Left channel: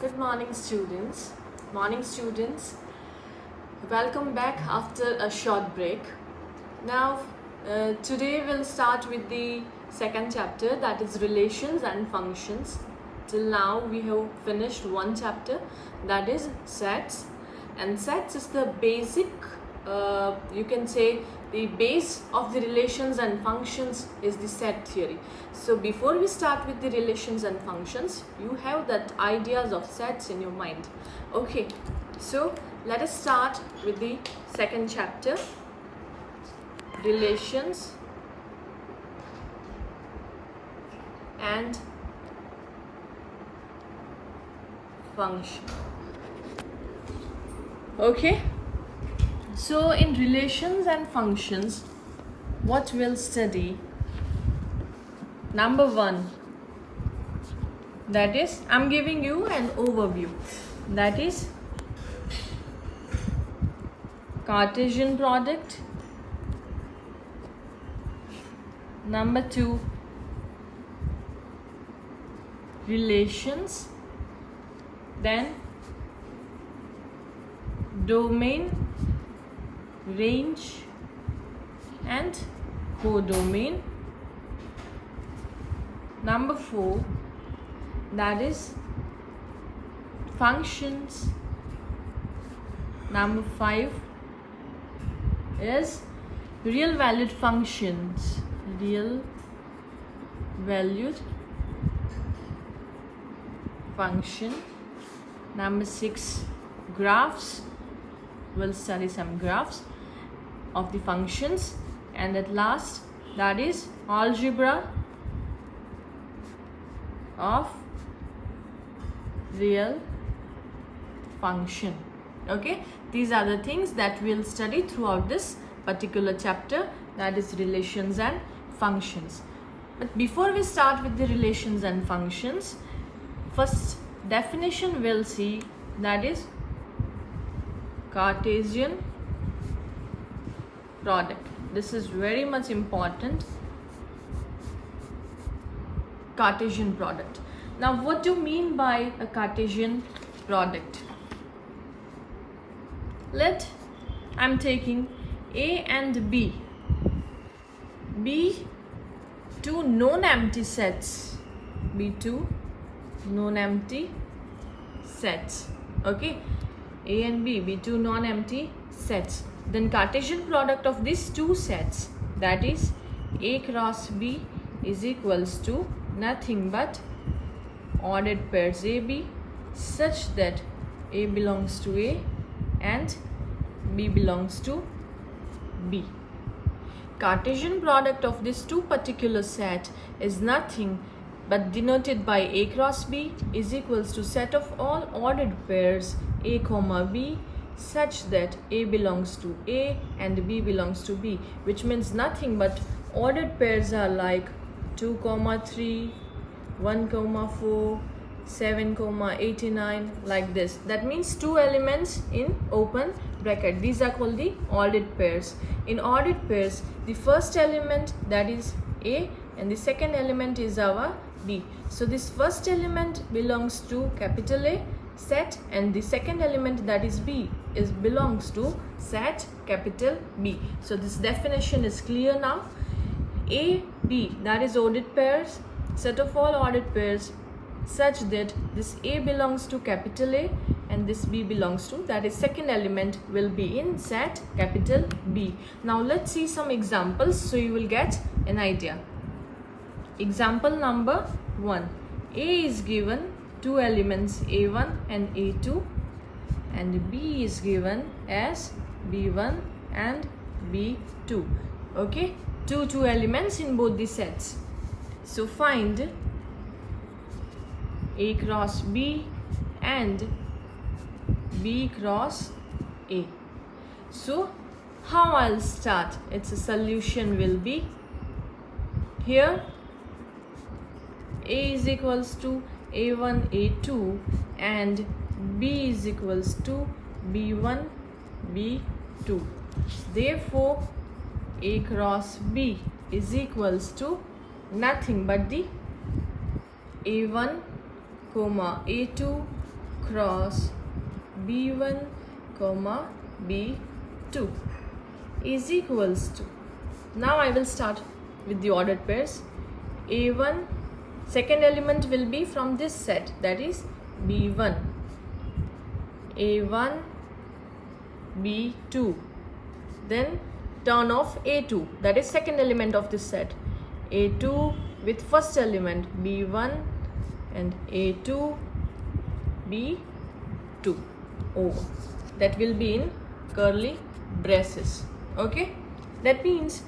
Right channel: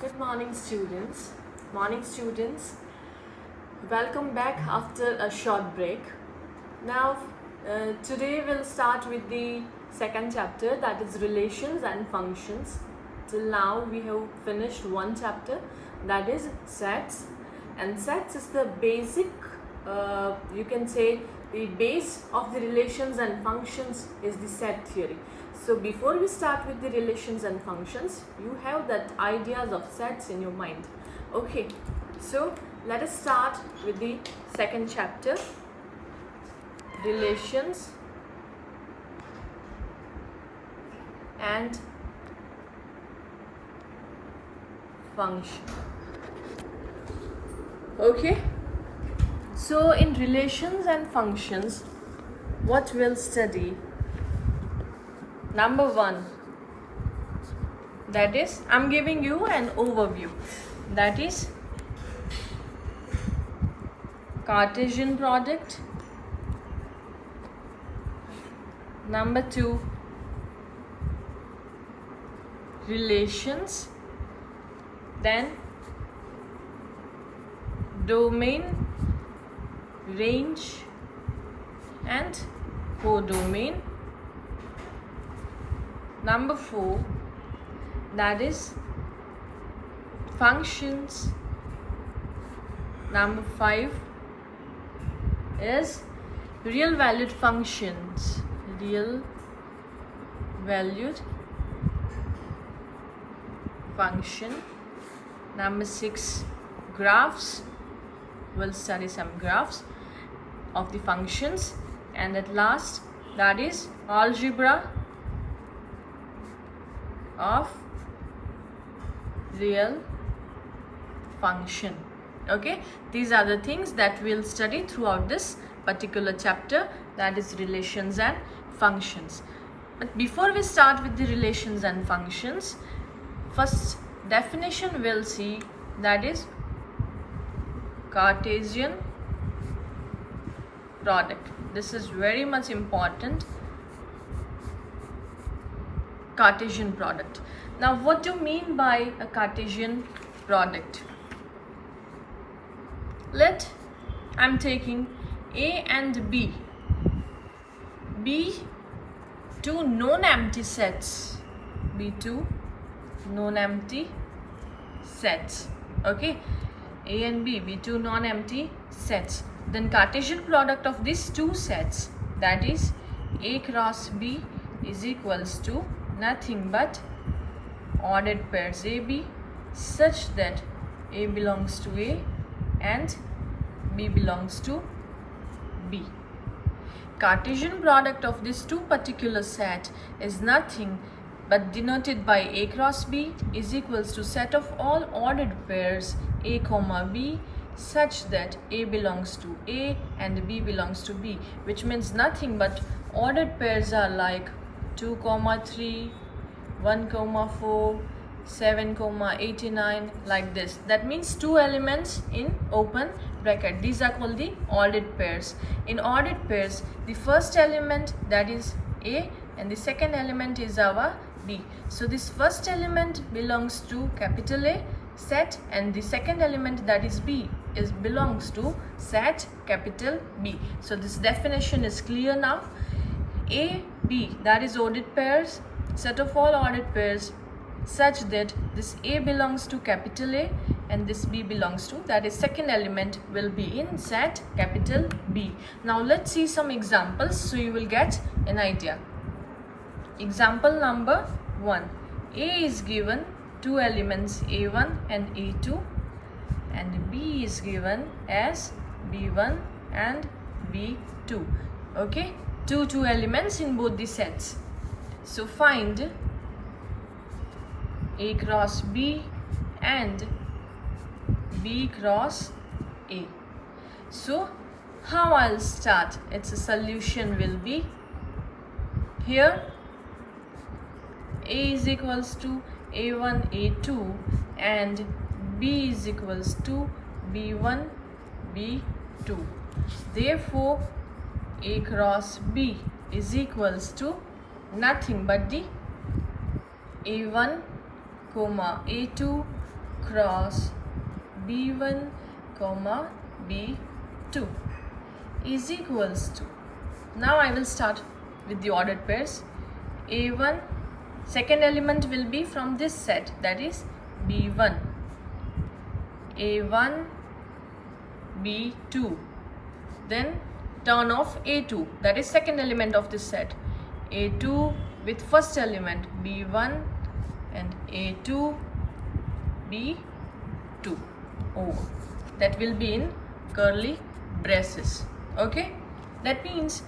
Good morning, students. Morning, students. Welcome back after a short break. Now, today we'll start with the second chapter, that is relations and functions. Till now, we have finished one chapter, that is sets. And sets is the basic, you can say, the base of the relations and functions is the set theory. So before we start with the relations and functions, you have that ideas of sets in your mind. Okay, so let us start with the second chapter, relations and function. Okay, so in relations and functions, what we'll study, number one, that is, I'm giving you an overview, that is Cartesian product. Number two, relations, then domain, range and codomain. Number four, that is functions. Number five is real valued functions, real valued function. Number six, graphs. We'll study some graphs of the functions. And at last, that is algebra of real function. Okay, these are the things that we'll study throughout this particular chapter, that is relations and functions. But before we start with the relations and functions, first definition we'll see, that is Cartesian product. This is very much important. Cartesian product. Now, what do you mean by a Cartesian product? I'm taking A and B. B two non-empty sets. B two non-empty sets. Okay. A and B two non-empty sets. Then Cartesian product of these two sets, that is A cross B, is equals to nothing but ordered pairs AB such that A belongs to A and B belongs to B. Cartesian product of these two particular set is nothing but denoted by A cross B is equals to set of all ordered pairs A comma B such that A belongs to A and B belongs to B, which means nothing but ordered pairs are like 2, 3, 1, 4, 7, 89, like this. That means two elements in open bracket. These are called the ordered pairs. In ordered pairs, the first element, that is A, and the second element is our B. So this first element belongs to capital A set, and the second element, that is B, belongs to set capital B. So this definition is clear now. A, B, that is ordered pairs, set of all ordered pairs such that this A belongs to capital A and this B belongs to, that is second element, will be in set capital B. Now let's see some examples so you will get an idea. Example number 1. A is given two elements A1 and A2, and B is given as B1 and B2. Okay, two elements in both the sets. So find A cross B and B cross A. So how I'll start? Its a solution will be here. A is equals to A1 A2 and B is equals to B1 B2. Therefore A cross B is equals to nothing but the A1 comma A2 cross B1 comma B2 is equals to, now I will start with the ordered pairs. A1, second element will be from this set, that is B1. A1, B2, then turn off A2, that is second element of this set. A2 with first element B1 and A2 B2 over, that will be in curly braces. Okay, that means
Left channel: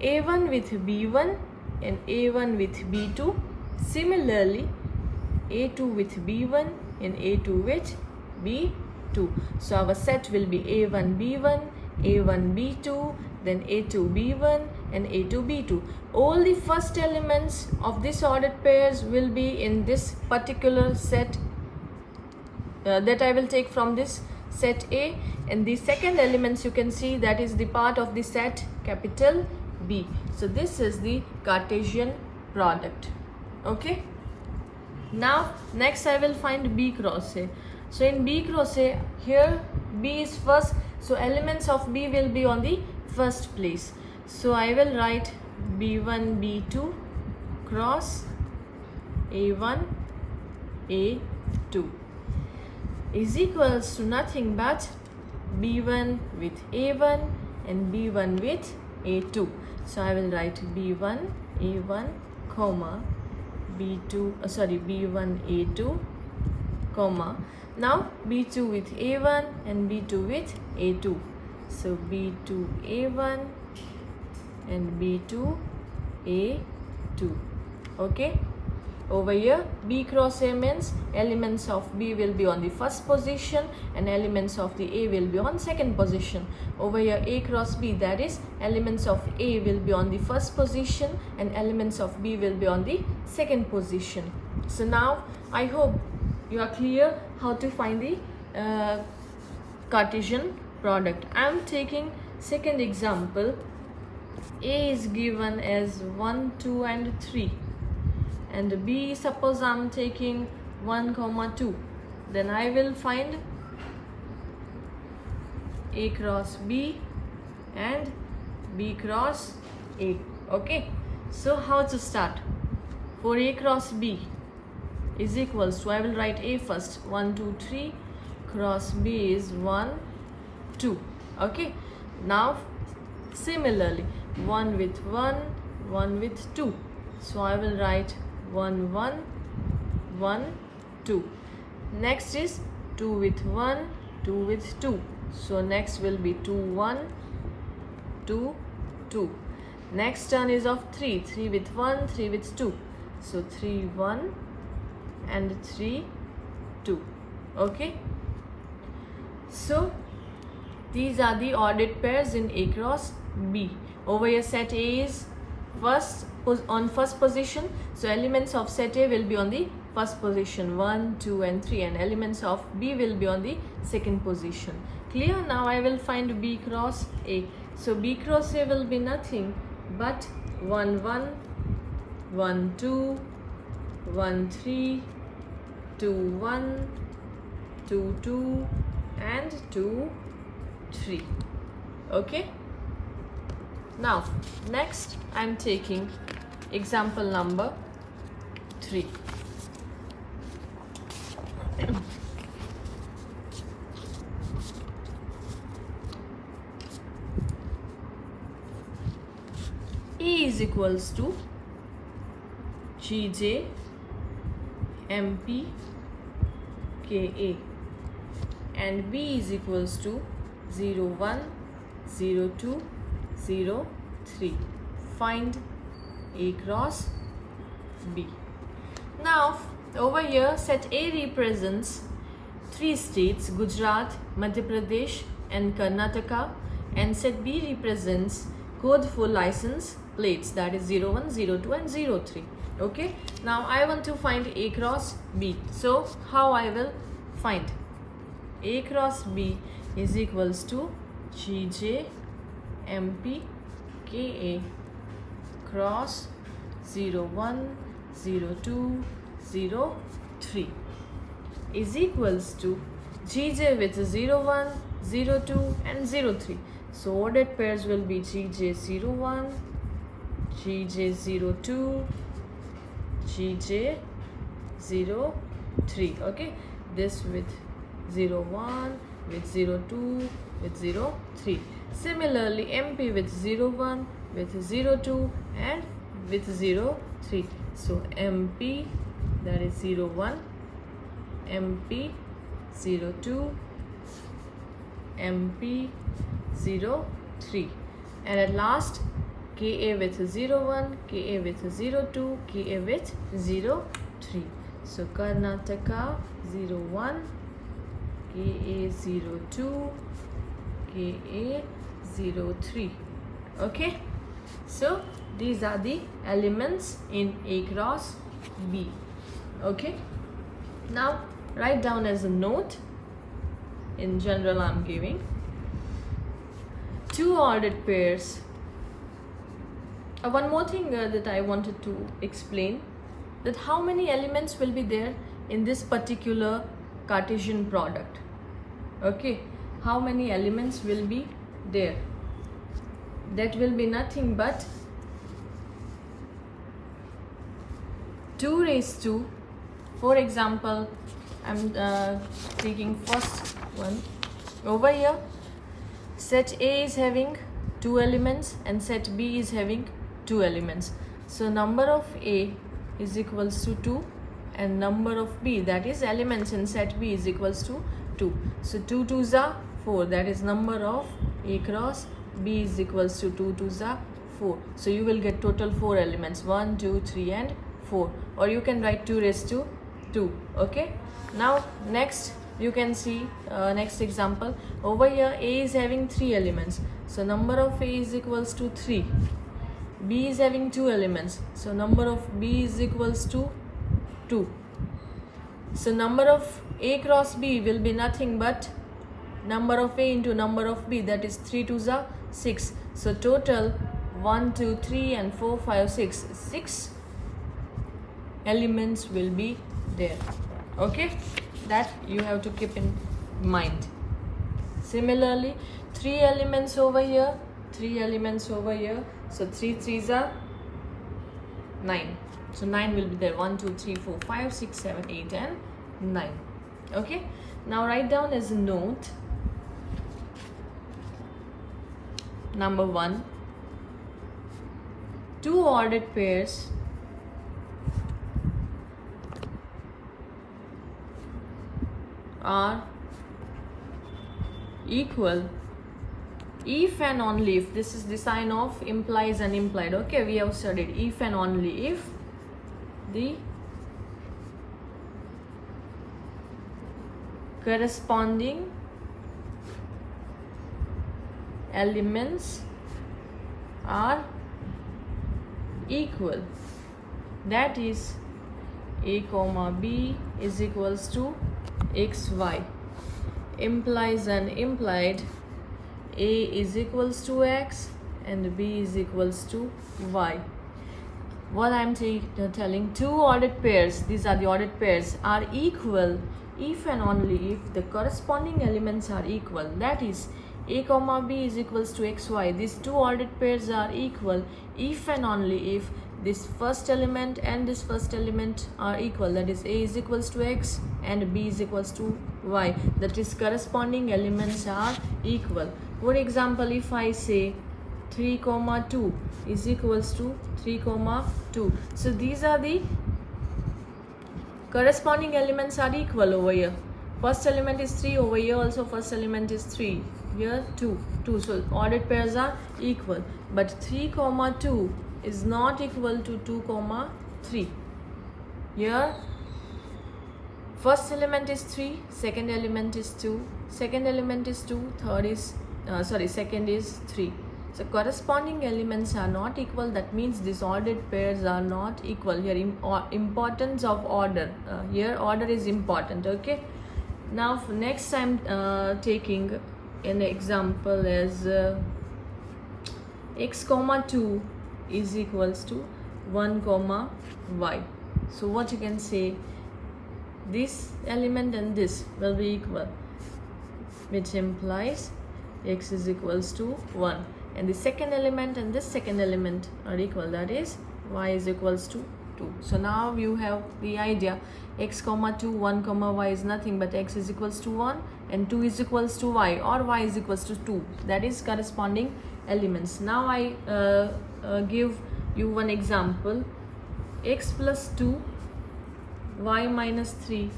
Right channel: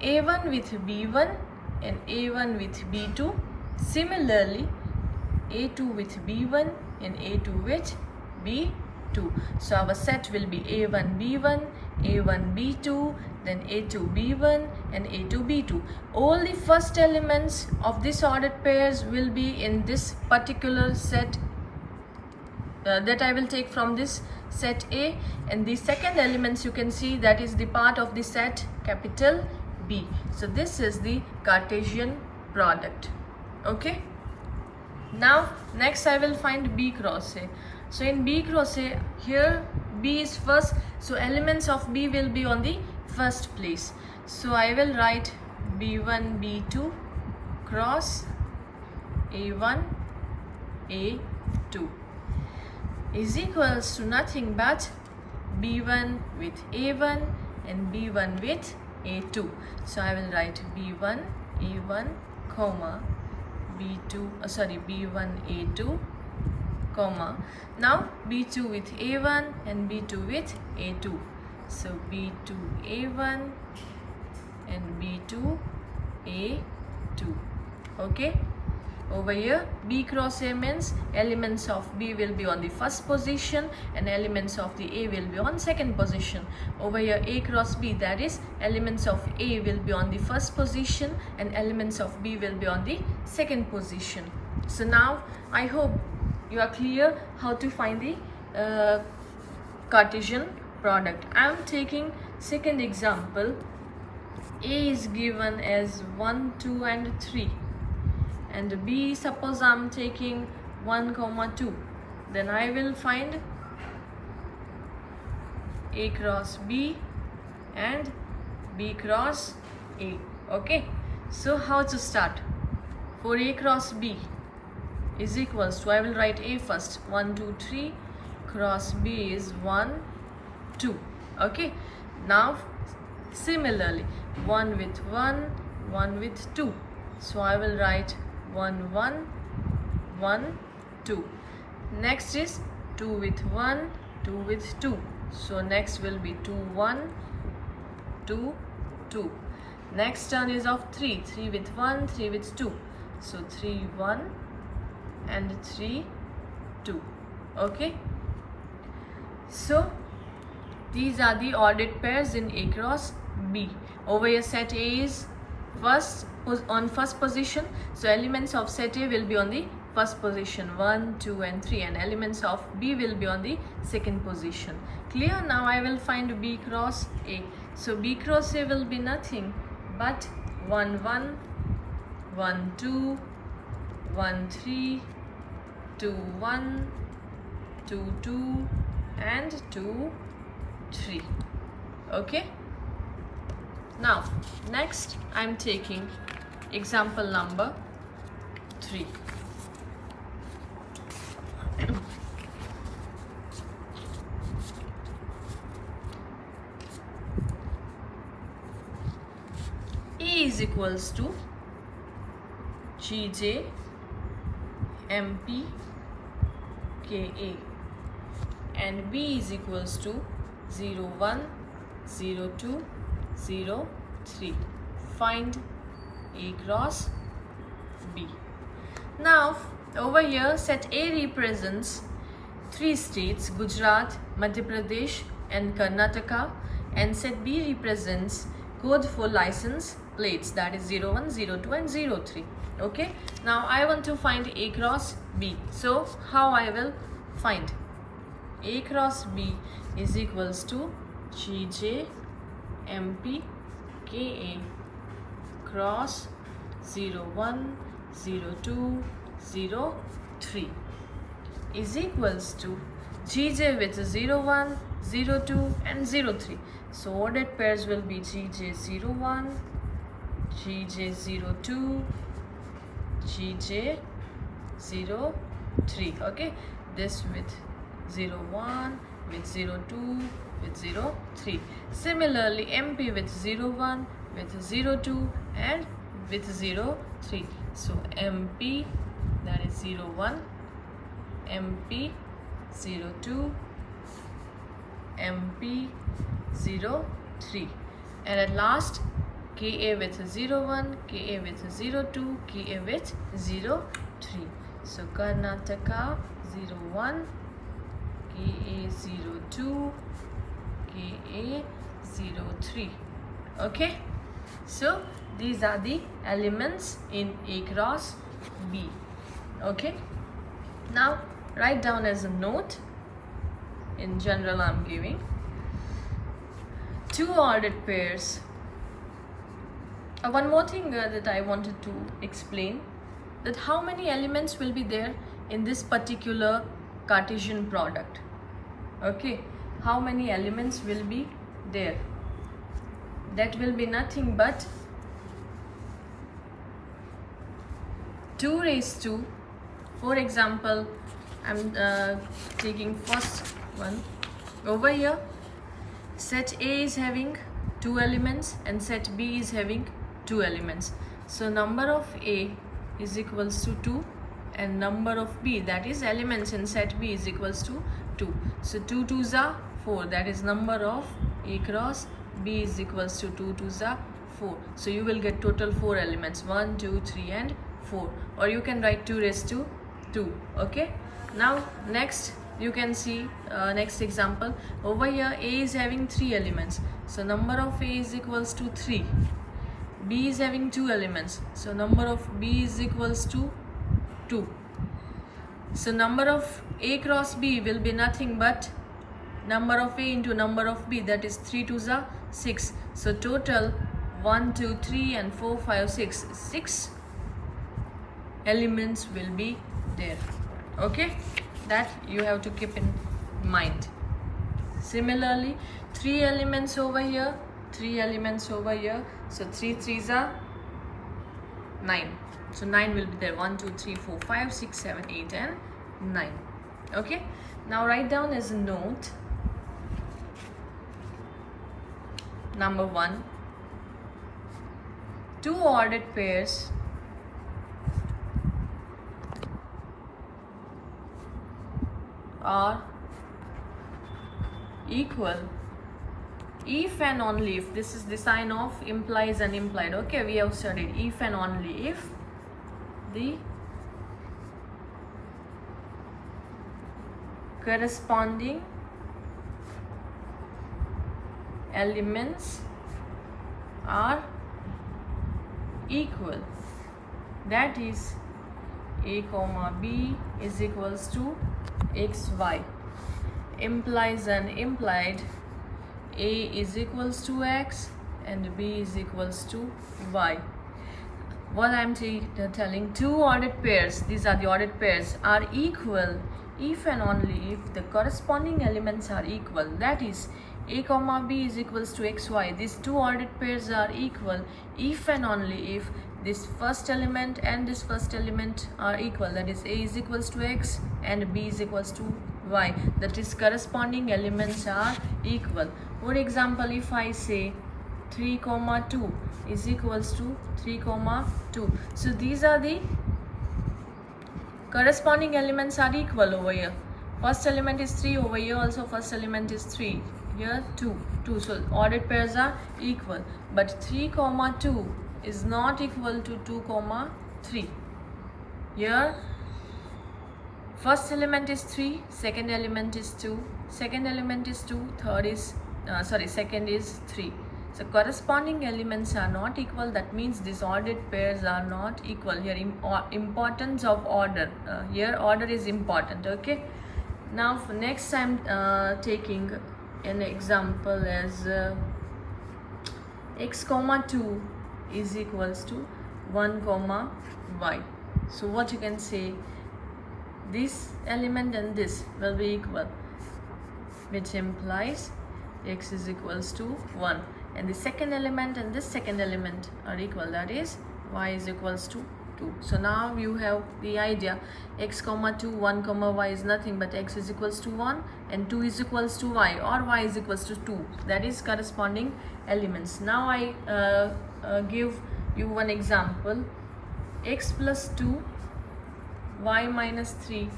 A1 with B1 and A1 with B2, similarly A2 with B1 and A2 with B2. So our set will be A1 B1, A1 B2, then A2 B1 and A2 B2. All the first elements of this ordered pairs will be in this particular set that I will take from this set A, and the second elements you can see that is the part of the set capital B. So this is the Cartesian product. Okay, now next I will find B cross A. So in B cross A, here B is first, so elements of B will be on the first place. So I will write B1 B2 cross A1 A2 is equals to nothing but B1 with A1 and B1 with A2. So I will write B1 A1 comma B1 A2 comma, now B2 with A1 and B2 with A2. So B2 A1 and B2 A2. Okay, over here B cross A means elements of B will be on the first position and elements of the A will be on second position. Over here A cross B, that is elements of A will be on the first position and elements of B will be on the second position. So now I hope you are clear how to find the Cartesian product. I am taking second example. A is given as 1, 2 and 3, and B, suppose I am taking 1, 2. Then I will find A cross B and B cross A. Okay, so how to start? For A cross B is equals to, I will write A first, 1, 2, 3, cross B is 1, 2. Okay, now similarly 1 with 1, 1 with 2. So I will write 1, 1, 1, 2. Next is 2 with 1, 2 with 2. So next will be 2, 1, 2, 2. Next turn is of 3, 3 with 1, 3 with 2. So 3, 1 and 3, 2. Okay, so these are the ordered pairs in A cross B. Over here set A is on first position, so elements of set A will be on the first position 1, 2 and 3, and elements of B will be on the second position. Clear? Now I will find B cross A. So B cross A will be nothing but 1, 1, 1, 2, 1, 3, 2, 1, 2, 2 and 2, 3. Okay, now next I am taking example number 3. E is equals to GJ MP KA and B is equals to 0, 1, 0, 2, 0, 3. Find A cross B. Now over here set A represents 3 states, Gujarat, Madhya Pradesh and Karnataka, and set B represents code for license plates, that is 01, 02 and 03. Okay, now I want to find A cross B. So how I will find? A cross B is equals to GJ MP KA cross 01, 02, 3 is equals to GJ with 0, 1, 0, 2 and 0, 3. So ordered pairs will be GJ 0, 1, GJ 0, 2, GJ 0, 3. Okay, this with 0, 1, with 0, 2, with 0, 3. Similarly, MP with 0, 1, with 0, 2 and with 0, 3. So MP, that is 0, 1, MP 0, 2, MP 0, 3. And at last, KA with 0, 1, KA with 0, 2, KA with 0, 3. So Karnataka 0, 1, KA 0, 2, KA 0, 3. Okay, so these are the elements in A cross B. Okay, now write down as a note. In general, I'm giving 2 ordered pairs. One more thing that I wanted to explain, that how many elements will be there in this particular Cartesian product. Okay, how many elements will be there? That will be nothing but 2 raised to, for example, I'm taking first one over here. Set A is having 2 elements and set B is having 2 elements. So number of A is equals to 2 and number of B, that is elements in set B, is equals to 2. So 2 2s are 4, that is number of A cross B is equals to 2 2s are 4. So you will get total 4 elements, 1, 2, 3 and 4, or you can write 2 raised to 2. Okay, now next you can see next example. Over here A is having 3 elements, so number of A is equals to 3. B is having 2 elements, so number of B is equals to 2. So number of A cross B will be nothing but number of A into number of B, that is 3 2s are 6. So total 1, 2, 3 and 4, 5, 6. 6 elements will be there. Okay, that you have to keep in mind. Similarly, 3 elements over here, 3 elements over here. So 3 3s are 9. So 9 will be there. 1, 2, 3, 4, 5, 6, 7, 8 and 9. Okay, now write down as a note. Number 1, 2 ordered pairs are equal if and only if, this is the sign of implies and implied. Okay, we have studied if and only if the corresponding elements are equal, that is A comma B is equals to xy. Implies and implied, A is equals to x and B is equals to y. What I am telling, 2 ordered pairs, these are the ordered pairs, are equal if and only if the corresponding elements are equal, that is A comma B is equals to xy. These 2 ordered pairs are equal if and only if this first element and this first element are equal, that is A is equals to x and B is equals to y, that is corresponding elements are equal. For example, if I say 3 comma 2 is equals to 3 comma 2, so these are the corresponding elements are equal over here. First element is 3, over here also first element is 3, here 2, so ordered pairs are equal. But 3 comma 2 is not equal to 2 comma 3. Here first element is 3, second element is 2, second element is 2, third is second is 3. So corresponding elements are not equal, that means these ordered pairs are not equal. Here importance of order, here order is important. Okay, now for next I'm taking an example as x comma 2 is equals to 1 comma y. So what you can say, this element and this will be equal, which implies x is equals to 1, and the second element and this second element are equal, that is y is equals to 2. So now you have the idea, x comma 2, 1 comma y is nothing but x is equals to 1 and 2 is equals to y, or y is equals to 2. That is corresponding elements. Now I give you one example. X plus 2 y minus 3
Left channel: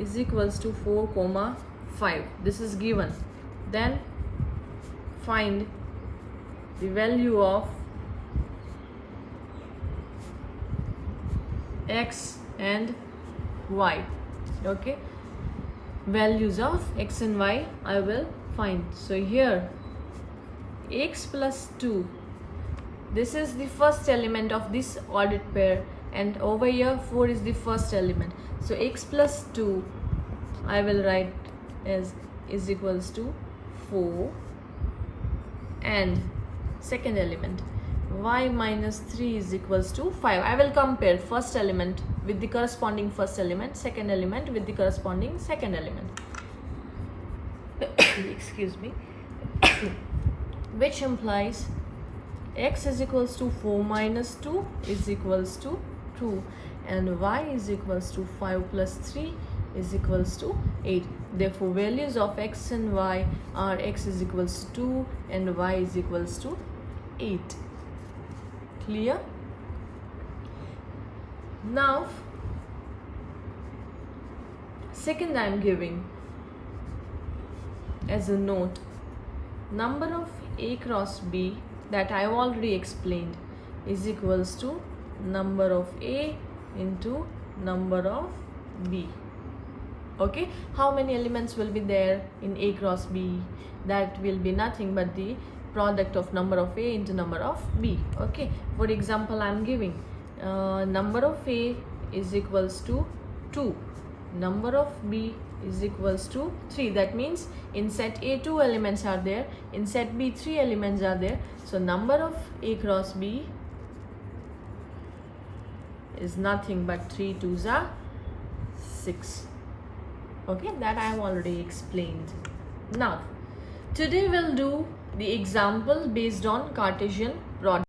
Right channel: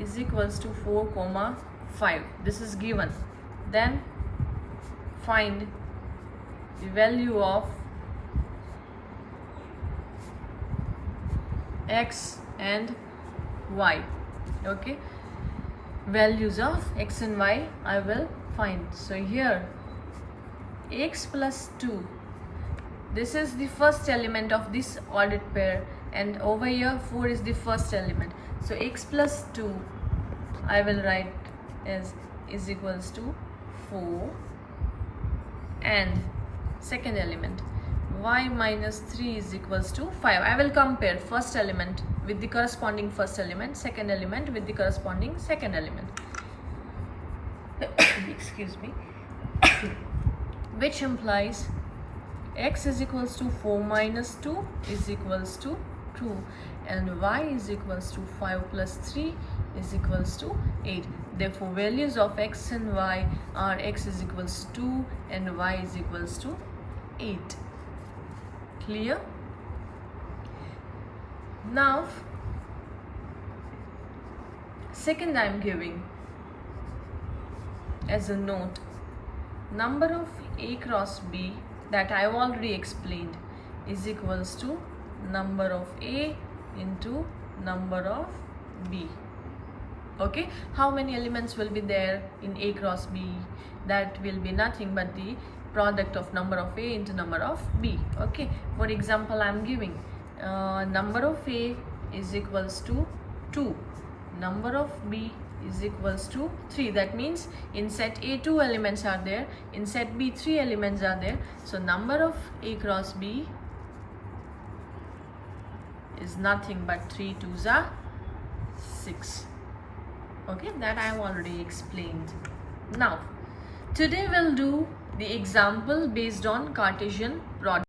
is equals to 4 comma 5. This is given. Then find the value of x and y. Okay, values of x and y I will find. So here x plus 2, this is the first element of this ordered pair, and over here 4 is the first element. So x plus 2 I will write as is equals to 4, and second element y minus 3 is equals to 5. I will compare first element with the corresponding first element, second element with the corresponding second element. Excuse me. Which implies x is equals to 4 minus 2 is equals to 2, and y is equals to 5 plus 3 is equals to 8. Therefore values of x and y are x is equals to 2 and y is equals to 8. Clear? Now second I am giving as a note, number of a cross b that I have already explained is equals to number of a into number of b. Okay, how many elements will be there in a cross b? That will be nothing but the product of number of a into number of b. Okay, for example I am giving number of a is equals to 2, number of b is equals to 3. That means in set A 2 elements are there, in set B 3 elements are there. So number of a cross b is nothing but 3 2s are 6. Okay, that I have already explained. Now today we'll do the example based on Cartesian product.